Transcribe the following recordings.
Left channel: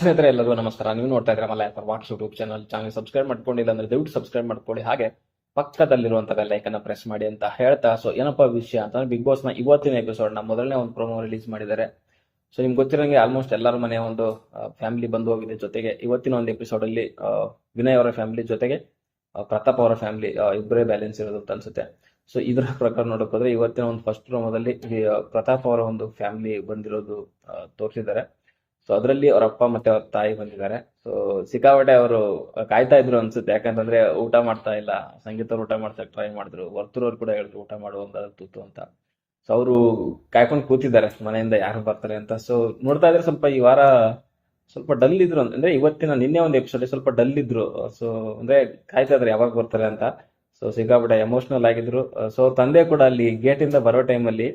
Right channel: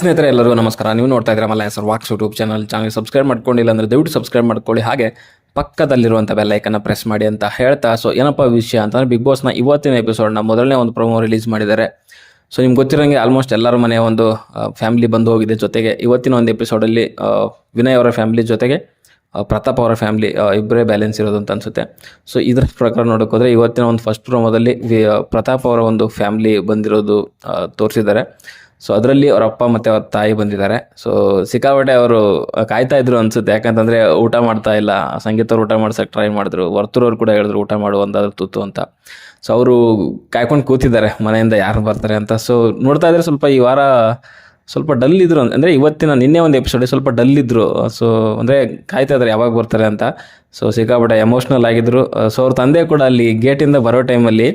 ಸ್ನೇಹಿತರೆ ಎಲ್ಲರೂ ನಮಸ್ಕಾರ. ನೀವು ನೋಡ್ತಾ ಇದ್ದೀರಾ Malla sir walks YouTube channel. Channel subscribe ಮಾಡ್ಕೊಂಡಿಲ್ಲ ಅಂದರೆ ದಯವಿಟ್ಟು ಸಬ್ಸ್ಕ್ರೈಬ್ ಮಾಡ್ಕೊಳ್ಳಿ. ಹಾಗೆ ಪಕ್ಕದಲ್ಲಿರುವಂಥ ಬೆಲ್ಲೈಕನ್ನು ಪ್ರೆಸ್ ಮಾಡಿ ಅಂತ ಹೇಳ್ತಾ. ಸೊ ಏನಪ್ಪ ವಿಷಯ ಅಂತಂದರೆ ಬಿಗ್ ಬಾಸ್ನ ಇವತ್ತಿನ ಎಪಿಸೋಡ್ನ ಮೊದಲನೇ ಒಂದು ಪ್ರೊಮೋ ರಿಲೀಸ್ ಮಾಡಿದ್ದಾರೆ. ಸೊ ನಿಮ್ಗೆ ಗೊತ್ತಿರೋಂಗೆ ಆಲ್ಮೋಸ್ಟ್ ಎಲ್ಲರ ಮನೆಯ ಒಂದು ಫ್ಯಾಮಿಲಿ ಬಂದು ಹೋಗಿದೆ ಜೊತೆಗೆ ಇವತ್ತಿನ ಒಂದು ಎಪಿಸೋಡಲ್ಲಿ ವಿನಯ್ ಅವರ ಫ್ಯಾಮಿಲಿ ಜೊತೆಗೆ ಪ್ರತಾಪ್ ಅವರ ಫ್ಯಾಮಿಲಿ ಇಬ್ಬರೇ ಬ್ಯಾಲೆನ್ಸ್ ಇರೋದು ಅಂತ ಅನಿಸುತ್ತೆ. ಸೊ ಇದರ ಪ್ರಕಾರ ನೋಡೋಕ್ಕೋದ್ರೆ ಇವತ್ತಿನ ಒಂದು ಫಸ್ಟ್ ಪ್ರೊಮೋದಲ್ಲಿ ಪ್ರತಾಪ್ ಅವರ ಒಂದು ಫ್ಯಾಮಿಲಿ ಬಂದಿರೋದು ತೋರಿಸಿದ್ದಾರೆ. ಸೊ ಅದರಲ್ಲಿ ಅವ್ರ ಅಪ್ಪ ಮತ್ತು ಅವ್ರ ತಾಯಿ ಬಂದಿದ್ದಾರೆ. ಸೊ ಸಿಕ್ಕಾಪಟ್ಟೆ ಅವರು ಕಾಯ್ತಾ ಇದ್ರು ಅನ್ಸುತ್ತೆ. ಯಾಕಂತಂದರೆ ಊಟ ಮಾಡ್ತಾ ಇಲ್ಲ. ಸಂಗೀತವ್ರು ಊಟ ಮಾಡ್ಸೋಕೆ ಟ್ರೈ ಮಾಡಿದ್ರು. ವರ್ತೂರವ್ರು ಕೂಡ ಹೇಳಿದ್ರು ಊಟ ಮಾಡು, ಒಂದಾದ್ರು ತುತ್ತು ಅಂತ. ಸೊ ಅವರು ಕಾಯ್ಕೊಂಡು ಕೂತಿದ್ದಾರೆ ಮನೆಯಿಂದ ಯಾರು ಬರ್ತಾರೆ ಅಂತ. ಸೊ ನೋಡ್ತಾ ಇದ್ರೆ ಸ್ವಲ್ಪ ಈ ವಾರ ಸ್ವಲ್ಪ ಡಲ್ ಇದ್ರು ಅಂದರೆ ಇವತ್ತಿನ ನಿನ್ನೆ ಒಂದು ಎಪಿಸೋಡ್ ಸ್ವಲ್ಪ ಡಲ್ ಇದ್ದರು ಸೊ ಅಂದರೆ ಕಾಯ್ತಾ ಇದ್ದಾರೆ ಯಾವಾಗ ಬರ್ತಾರೆ ಅಂತ. ಸೊ ಸಿಕ್ಕಾಪಟ್ಟೆ ಎಮೋಷ್ನಲ್ ಆಗಿದ್ರು. ಸೊ ಅವ್ರ ತಂದೆ ಕೂಡ ಅಲ್ಲಿ ಗೇಟಿಂದ ಬರೋ ಟೈಮಲ್ಲಿ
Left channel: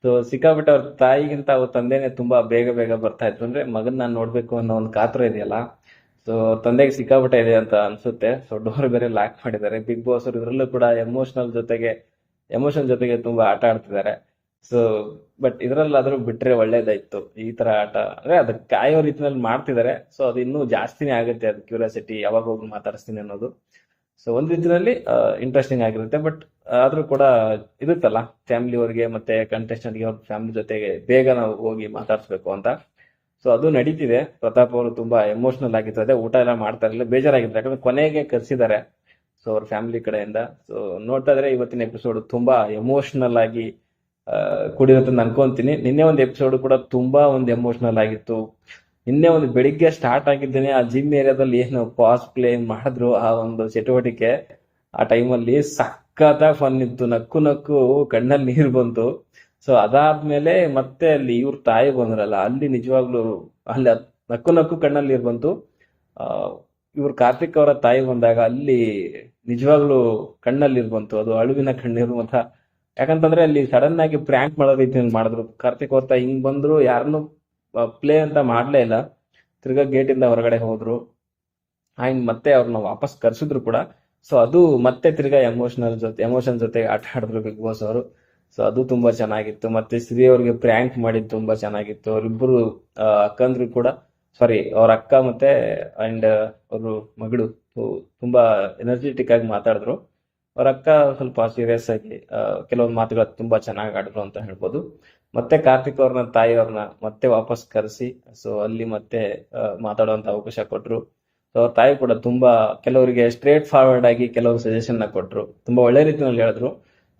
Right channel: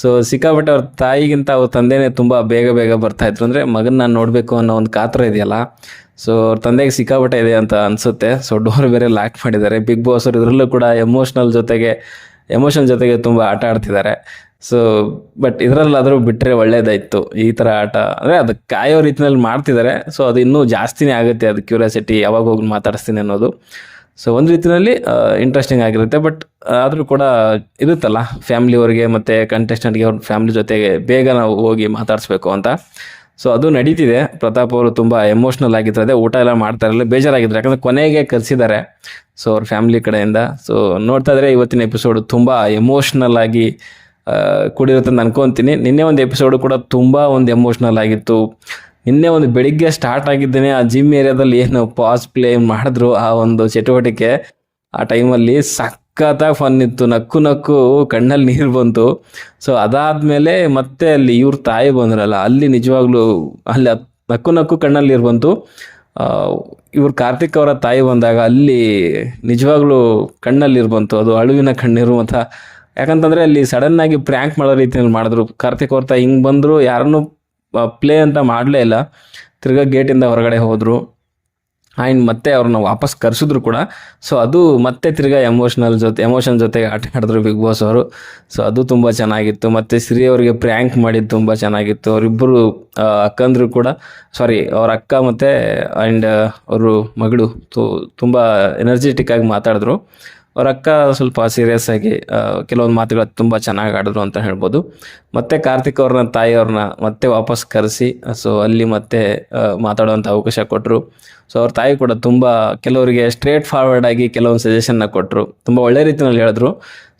ಸೊ ಸಿಕ್ಕಾಪಟ್ಟೆ ಅವ್ರ ತಾಯಿಗಿಂತ ಅವ್ರ ತಂದೆನೇ ತುಂಬ ಬೇಗ ಬೇಗ ಬರ್ತಾಯಿದ್ರು ಅಂದರೆ ಮಗನ ನಾನು ನೋಡಬೇಕು ಅನ್ನೋ ಒಂದು ಕಾತ್ರ ಇದೆಯಲ್ಲ. ಸೊ ಅವ್ರ ತಂದೆಗೆ ಸಿಕ್ಕಾಪಟ್ಟೆ ಇದೆ ಅಂತ ಅನಿಸುತ್ತೆ. ಸೊ ಡೋರ್ ಬೇರೆ ಲಾಕ್ ಮಾಡಿದ್ದಾರೆ. ಬಿಗ್ ಬಾಸ್ ಅವರು ಇದರಲ್ಲೂ ಕೂಡ ಎಮೋಷ್ನಲ್ ಜೊತೆಗೆ ಎಮೋಷನ್ ಜೊತೆಗೆ ತುಂಬ ಆಟ ಆಡ್ತಿದ್ದಾರೆ. ಸೊ ಬಟ್ ಇದರಲ್ಲಾದರೂ ಬಿಟ್ಟರೆ ಒಳ್ಳೇದಾಯಿತು. ಈ ಥರ ಆಟ. ಅಂದರೆ ಅದು ಕಾಯೋ ರೀತಿಯಲ್ಲಿ ಮಾಡ್ತಿದ್ದಾರೆ ಸೊ ಅದು ಇನ್ನೂ ಜಾಸ್ತಿನೇ ಆಗುತ್ತೆ. ಅದು ಕ್ಯೂರಿಯಾಸಿಟಿ ಯಾವಾಗ ಹೋಗಿ ಮಾತಾಡಿಸ್ತೀನಿ ಅನ್ನೋದು. ಸೊ ಒಂದು ರೀತಿಯಲ್ಲಿ ಇಂಟ್ರೆಸ್ಟಿಂಗ್ ಆಗಿರುತ್ತೆ. ಬಟ್ ಆದರೂ ಕೂಡ ಇರುತ್ತಲ್ಲ. ಫ್ಯಾಮ್ಲಿಯವ್ರಿಗೆ ಮತ್ತು ಕಂಟೆಸ್ಟೆಂಟ್ಗೆ ಅವ್ರ ಫ್ಯಾಮ್ಲಿ ಜೊತೆಗೆ ಬೇಗ ನಾವು ಹೋಗಿ ಮಾತಾಡಿಸ್ಬೇಕು ಅಂತ. ಸೊ ಅದು ನಡೀತಿದೆ. ಪ್ರತಾಪ್ ಅವರು ತುಂಬ ಎಮೋಷ್ನಲ್ ಆಗಿದ್ರು ಅದೇ ಊಟ ಎಲ್ಲ ಮಾಡ್ತಾ ಇರಲಿಲ್ಲ ಯಾಕಂದರೆ ಕೊನೆಗೆ ಕರೆಸಿದ್ದಾರೆ. ಸೊ ಅವ್ರ ಫ್ಯಾಮ್ಲಿ ಕಡೆಯಿಂದ. ಸೊ ನೋಡ್ತಾ ಇದ್ರೆ ಇವತ್ತಿನ ಎಪಿಸೋಡ್ ತುಂಬ ಎಮೋಷ್ನಲ್ ಆಗಿ ಆ, ಕೂಡಿರುತ್ತೆ ಅಂತ ಅನ್ಕೊಂತೀನಿ. ನಿನ್ನೆ ಒಂದು ಎಪಿಸೋಡು ಕೂಡ ತುಂಬ ಒಂದು ಎಮೋಷ್ನಲ್ ಆಗಿತ್ತು. ನಿನ್ನೆ ಒಂದು ಬೆಳಿಗ್ಗೆ ಸ್ಟಾರ್ಟ್ ಆಗಿದ್ದೇನೆ. ಆ ಜಿಮ್ ಏರಿಯಾದಲ್ಲಿ ಏನು ಪಾಸ್ ಪ್ಲೇ ಮಾಡಿದ್ರು ಆ ಒಂದು ಚಟುವಟಿಕೆ. ಆ ಟೈಮಲ್ಲಿ ಸಖತ್ತಾಗಿ ಫನ್ ಇತ್ತು. ನಕ್ಕು ನಕ್ಕು ಕಣ್ಣಲ್ಲಿ ನೀರು ಬಂತು. ಸೊ ಅದಾದಮೇಲೆ ಮತ್ತೆ ಅಲ್ಲಿ ಇವ್ರ ತಾಯಿ ಬಂದ್ರಲ್ಲ ಅಲ್ಲಿ ನಿಜವಾಗ್ಲೂ ಅಲ್ಲಿ ನಕ್ಕು ನಕ್ಕು ಕಣ್ಣಲ್ಲಿ ನೀರು ಬಂತು. ಇವ್ರು ಕಾರ್ತಿಕ್ ಅವರ ತಾಯಿ ಬಂದಾಗ ಅಲ್ಲಿ ನಿಜವಾಗ್ಲೂ ಕಣ್ಣಲ್ಲಿ ಬಂತು. ಅದು ಅಳುವಿನ ಕಣ್ಣೀರು ಯಾಕಂತಂದ್ರೆ ಅಲ್ಲಿ ಸಡನ್ ಆಗಿ ಪ್ರ್ಯಾಂಕ್ ಮಾಡೋ ರೀತಿಯಲ್ಲಿ ಮಾಡಿದ್ರು. ಕಾರ್ತಿಕ್ ಅವ್ರ ಹಿಂಗೆ ಬಂದರು, ಯಾರನ್ನು ಪ್ಲೇ ಅಂತ ಮಾಡಲೇ ಇಲ್ಲ. ತಿರ್ಗಾ ಗೇಟಿಂದ ಹೊರಗಡೆ ಹೋದರು. ಆ್ಯಂಡ್ ಮತ್ತೆ ಅವ್ರನ್ನ ವಾಪಸ್ ಕರೆಸಿದ್ರು ಕೂಡ. ಸೊ ಅದು ಮತ್ತೆ ತಿರ್ಗಾ ಎಮೋಷ್ನಲ್ ಜೊತೆ ಎಮೋಷನ್ ಜೊತೆಗೆ ಆಟ ಆಡಿದ್ರು ಬಿಗ್ ಬಾಸ್ ಅವರು. ಸೊ ಅದು ತುಂಬ ಚೆನ್ನಾಗಿತ್ತು. ಮತ್ತು ಶ್ರೀ ಅವರಿಗೆ ಪ್ರ್ಯಾಂಕ್ ಮಾಡಿದ್ದು ತುಂಬ ಚೆನ್ನಾಗಿತ್ತು. ಅವರಿಬ್ಬರು ಅಕ್ಕಂದ್ರು ಕೂಡ ಸಾರಿ ಅವ್ರ ಅಕ್ಕ ಮತ್ತು ಆ್ಯಂಡ್ ಅವರು ಮಗಳು, ತು, ತುಂಬ ಎನರ್ಜೆಟಿಕ್ ಆಗಿ ಮಾತಾಡಿದ್ರು. ಅವ್ರ ಅಕ್ಕ ಸ್ವಲ್ಪ ಸೀರಿಯಸ್ ಆಗಿ ಕೆಲವೊಂದು ಮಾತುಗಳು ತುಂಬ ಚೆನ್ನಾಗಿ ಆಡಿದ್ರು ಅಂತ ಹೇಳ್ಬೋದು. ಮತ್ತೆ ಕಾರ್ತಿಕ್ ಅವ್ರನ್ನ, ತಾಯಿ ಅವ್ರನ್ನ ಮತ್ತೆ ವಾಪಸ್ ಕರೆಸಿ, ಸೊ ಅಲ್ಲಿ ಮತ್ತೆ ಮಾತಾಡುವಂಥ ಅವಕಾಶ ಕೊಟ್ಟರು ಸೊ ಅವ್ರ ತಾಯಿ ಕೂಡ ತುಂಬ ಕೆಲವರಿಗೆ ಸ್ಟ್ರೇಟ್ ಫಾರ್ವರ್ಡ್ ಆಗಿ ಕೆಲವೊಂದು ಸಜೆಷನ್ನ ಕೊಟ್ಟರು ತುಂಬ ಒಳ್ಳೆ ರೀತಿಯಲ್ಲಿ ಹೇಳಿದ್ರು.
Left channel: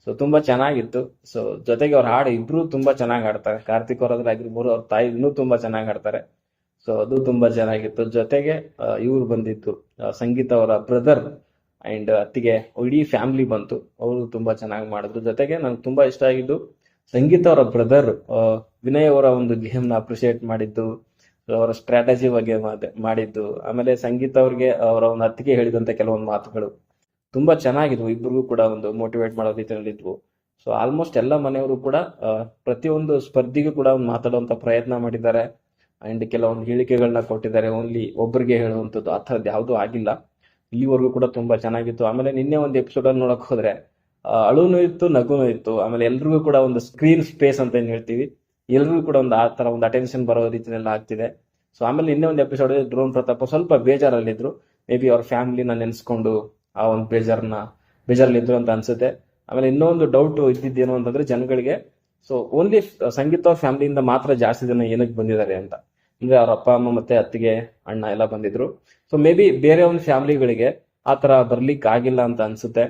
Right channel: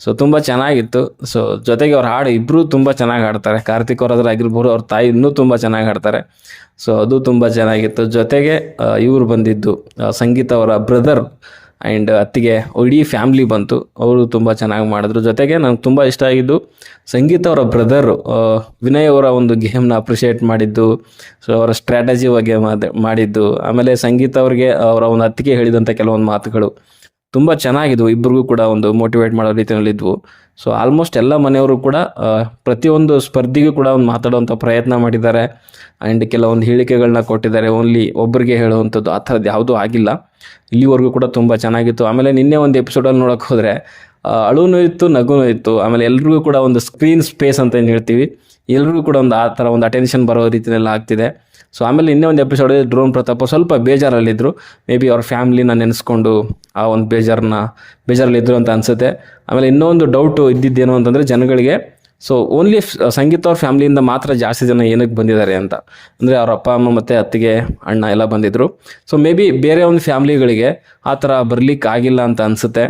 ಸೊ ತುಂಬ ಚೆನ್ನಾಗಿತ್ತು. ಸೊ ಜೊತೆಗೆ ಅವ್ರ ಹಾಡು ಇಬ್ಬರೂ ತುಂಬ ಚೆನ್ನಾಗಿ ಹಾಡ್ತಾರೆ. ಕಾರ್ತಿಕ್ ಅವ್ರ ಆಗಿರ್ಬೋದು, ಅವ್ರ ತಾಯಿ ಇನ್ನೂ ತುಂಬ ಚೆನ್ನಾಗಿ ಹಾಡ್ತಾರೆ. ಸೊ ಅದು ತುಂಬ ಚೆನ್ನಾಗಿತ್ತು. ಜೊತೆಗೆ ಇವರು ಬಂದಿದ್ದು ಸಂಗೀತ ಅವರ ಬ್ರದರ್ ಆ್ಯಂಡ್ ಅತ್ತಿಗೆ ಇಡೀ ಫ್ಯಾಮ್ಲಿ ಬಂತು. ಅವರು ತುಂಬ ಚೆನ್ನಾಗಿ ಮಾಡಿದ್ರು. ಜೊತೆಗೆ ನಂಗೆ ತುಂಬ ಇಷ್ಟ ಆಗಿದ್ದು ಸಂಗೀತ ಅವರ ಬ್ರದರು ವಿನಯ್ ಅವರ ಒಂದು ಗೇಮ್ನ ಅಪ್ರಿಷಿಯೇಟ್ ಮಾಡಿದ್ದು. ಸೊ ಅವರ ಸ್ಟ್ರಾಟಜಿ ಬಗ್ಗೆ ಮಾಡಿದ್ದು. ಆಮೇಲೆ ಸಂಗೀತ ಅವ್ರಿಗೆ, ಅವರ ಒಂದು ಅತ್ತಿಗೆ ಹೇಳಿದಂಥ ಕೆಲವೊಂದು ಮಾತುಗಳು. ತುಂಬ ಚೆನ್ನಾಗಿದ್ವು. ಇಬ್ಬರಿಗೂ ಕೂಡ ಒಂದು ಮೋಟಿವೇಟ್ ಮಾಡೋ ರೀತಿಯಲ್ಲಿದ್ವು ಸೊ ಆಲ್ಮೋಸ್ಟ್ ಎಲ್ಲ ಮನೆಯವರು ಕೂಡ ಪ್ರತಿಯೊಂದು ಸ್ಪರ್ಧಿಗೂ ಕೂಡ ಒಂದು ಮಾತಾಡುವಂಥ ಪ್ರಯತ್ನ ಮಾಡಿದ್ದಾರೆ. ಆ್ಯಂಡ್ ಕೆಲವೊಂದು ಹೇಳಿಕೆಗಳನ್ನ ಕೊಟ್ಟಿದ್ದಾರೆ. ಓನ್ಲಿ ಒಬ್ಬರಿಗೆ ಹೇಳುವಂಥದ್ದು ಆ ಥರದ್ದು ಯಾವುದೂ ಆಗಿಲ್ಲ. ಇಲ್ಲಿವರೆಗೂ ಕೂಡ ತುಂಬ ಚೆನ್ನಾಗಿತ್ತು. ಆಮೇಲೆ ನಿನ್ನೆ ಒಂದು ಎಪಿಸೋಡಲ್ಲಿ ನೋಡೋಕೆ ಹೋದರೆ ಅಳುನೂ ಇತ್ತು, ನಗುನೂ ಇತ್ತು. ಆಮೇಲೆ ಎಲ್ರಿಗೂ ಕೂಡ ಒಂದು ಸ್ಕ್ರೀನ್ ಸ್ಪೇಸ್ ಅಂತ ಏನು ಹೇಳ್ತೀವಿ? ಎಲ್ರಿಗೂ ಕೂಡ ಒಂದು ಆ ಥರ ಒಂದು ಅಟೆನ್ಷನ್ ಬರೋ ರೀತಿಯಲ್ಲಿ ಆಗ್ತಿದೆ. ಸೊ ಆಮೇಲೆ ಇನ್ನೇ ಒಂದು ಎಪಿಸೋಡ್ ಡ್ರೋನ್ ಪ್ರತಾಪ ಸ್ವಲ್ಪ ಬೇಜಾರಲ್ಲಿದ್ದರು ಮೇ ಬಿ ಅವ್ರ ಫ್ಯಾಮ್ಲಿನ ನೆನೆಸ್ಕೊಂಡು ಆ ಒಂದು ಬೇಜಾರನ್ನ ಬೇಜಾರಲ್ಲಿದ್ದರು ಅಂತ ಅನಿಸುತ್ತೆ. ಆಮೇಲೆ ಇನ್ನೊಂದು ಡೌಟು ಇದ್ದಿದ್ದೇನು ಅಂತಂದರೆ ಜನಗಳಿಗೆ ಸೊ ಓನ್ಲಿ ಸಂಗೀತ ಅವ್ರ ಫ್ಯಾಮ್ಲಿಯಿಂದ ಮಾತ್ರ ಜಾಸ್ತಿ ಜನ ಏನಕ್ಕೆ ಬಂದಿದ್ದಾರೆ ಅಂತ. ಅಂದರೆ ಅವ್ರ ಅಪ್ಪ, ಅಮ್ಮ ಮತ್ತು ಅತ್ತಿಗೆ, ಅಣ್ಣ ಎಲ್ಲ ಬಂದಿದ್ದರು ಸೊ ಮೇ ಬಿ ಬೇರೆ ಒಂದು ಫ್ಯಾಮ್ಲಿಗಳಿಗೆ ಆ ಥರ ಬರಲಿಕ್ಕೆ ಆಗಿಲ್ಲ ಅಂತ ಅನಿಸುತ್ತೆ.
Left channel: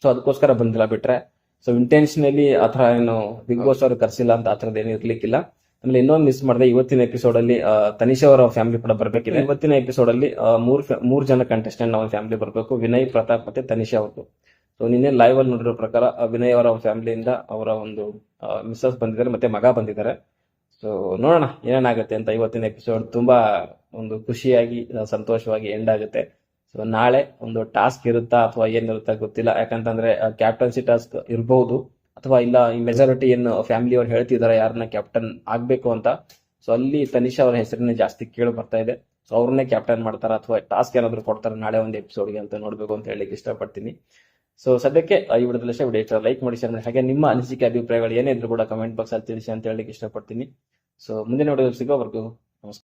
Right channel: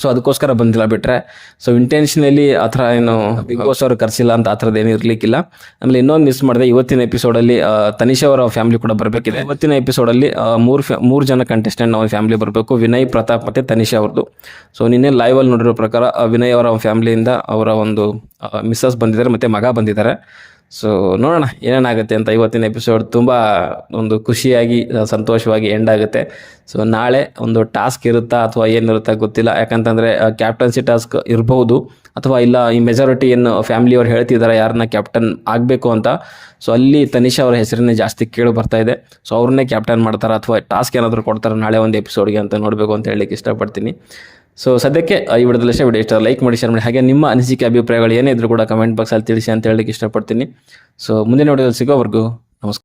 ಸೊ ಅದಕ್ಕೋಸ್ಕರ ಬಂದಿಲ್ಲ ಬಿಟ್ಟರೆ ಸೊ ಇಂಟೆನ್ಷನಲಿ ಆ ಥರ ಏನು ಬಿಗ್ ಬಾಸ್ ಅವರು ಕರೆಸಿಲ್ಲ ಅಂತ ಆ ಥರದ್ದು ಏನು ಇರಲಿಕ್ಕಿಲ್ಲ. ಆಮೇಲೆ ಇನ್ನೊಂದು ಮಿಸ್ ಮಾಡಿದೆ, ಇವತ್ತಿನ ಎಪಿಸೋಡಲ್ಲಿ ತನಿಷ್ ಅವರ ಫ್ಯಾಮಿಲಿ ಕೂಡ ಬರಬೇಕಿದೆ. ಇವತ್ತಿನ ಎಪಿಸೋಡಲ್ಲಿ ಮೂರು ಫ್ಯಾ ಮೂರು ಜನ ಕಂಟೆಸ್ಟೆಂಟ್ ಅವ್ರ ಫ್ಯಾಮಿಲಿ ಬರಬೇಕು. ವಿನಯ್, ಪ್ರತಾಪ್ ಮತ್ತು ತನಿಷ್ ಅವ್ರದ್ದು ಸೊ ನಿನ್ನೆ ಲೈವಲ್ಲಿ ನೋಡಿರೋ ಪ್ರಕಾರ ವಿನಯ್ ಅವರ ಫ್ಯಾಮಿಲಿಯಿಂದ ಅವರ ಒಂದು ಮಿಸ್ಸಸ್ ಬಂದಿದ್ದಾರೆ, ಮತ್ತು ಮಗ ಬಂದಿದ್ದಾರೆ. ಸೊ ನೋಡೋಣ ಏನೇನಾಗುತ್ತೆ ಅಂತ ಇವತ್ತಿನ ಎಪಿಸೋಡ್ ತುಂಬ ಒಂದು ಖುಷಿಯಾಗಿ, ಸಂತೋಷವಾಗಿ ಎಂಡ್ ಆಗುತ್ತೆ. ಸೊ ನಾಳೆ ಒಂದು ಟಾಸ್ಕ್ ಇರುತ್ತಾ ಅಥವಾ ಏನಿರುತ್ತಾ ಗೊತ್ತಿಲ್ಲ. ಯಾಕಂತಂದರೆ ಕ್ಯಾಪ್ಟನ್ಸಿ ಟಾಸ್ಕ್ ಇರ್ಬೋದು ಅಥವಾ ಇಲ್ಲ, ಈ ಮೆಜಾರಿಟಿ ಏನು ಫ್ಯಾಮಿಲಿಯವ್ರು ಹೇಳ್ತಿದ್ದಾರೆ ಯಾರನ್ನ ಕ್ಯಾಪ್ಟನ್ ಆಗಬೇಕು ಅಂತ. ಸೊ ಅಲ್ಲಿ ತನಿಷಾ ಅವರ ಹೆಸರನ್ನೇ ಜಾಸ್ತಿ ಕೇಳಿ ಬರ್ತಾ ಇದೆ. ಸೊ ಅವ್ರನ್ನೇ ಕ್ಯಾಪ್ಟನ್ ಮಾಡ್ತಾರೆ ಅಥವಾ ಟಾಸ್ಕ್ ಏನಾದರೂ ಕೊಡ್ತಾರೆ ನಾಳೆ ಒಂದು ಎಪಿಸೋಡ್ಗೆ ಅಂತ ನೋಡಬೇಕು ಅಂತ ಹೇಳಲಿಕ್ಕೆ ಇಷ್ಟಪಡ್ತೀನಿ. ಸೊ ಸದ್ಯಕ್ಕೆ ಈ ವಿಡಿಯೋದಲ್ಲಿ ಅಷ್ಟೇ ವಿಡಿಯೋ ಇಷ್ಟ ಲೈಕ್ ಮಾಡಿ ಶೇರ್ ಮಾಡಿ, ಹಾಗೆ ನಿಮ್ಮ ಅನಿಸಿಕೆ, ಅಭಿಪ್ರಾಯಗಳು ಏನೇ ಇದ್ರೂ ಕೂಡ ಕಮೆಂಟ್ ಬಾಕ್ಸಲ್ಲಿ ತಿಳಿಸಿ ಅಂತ ಹೇಳಲಿಕ್ಕೆ ಇಷ್ಟಪಡ್ತೀನಿ. ಸೊ ಮುಂದಿನ ವಿಡಿಯೋದಲ್ಲಿ ಸಿಗೋವರೆಗೂ ನಮಸ್ಕಾರ.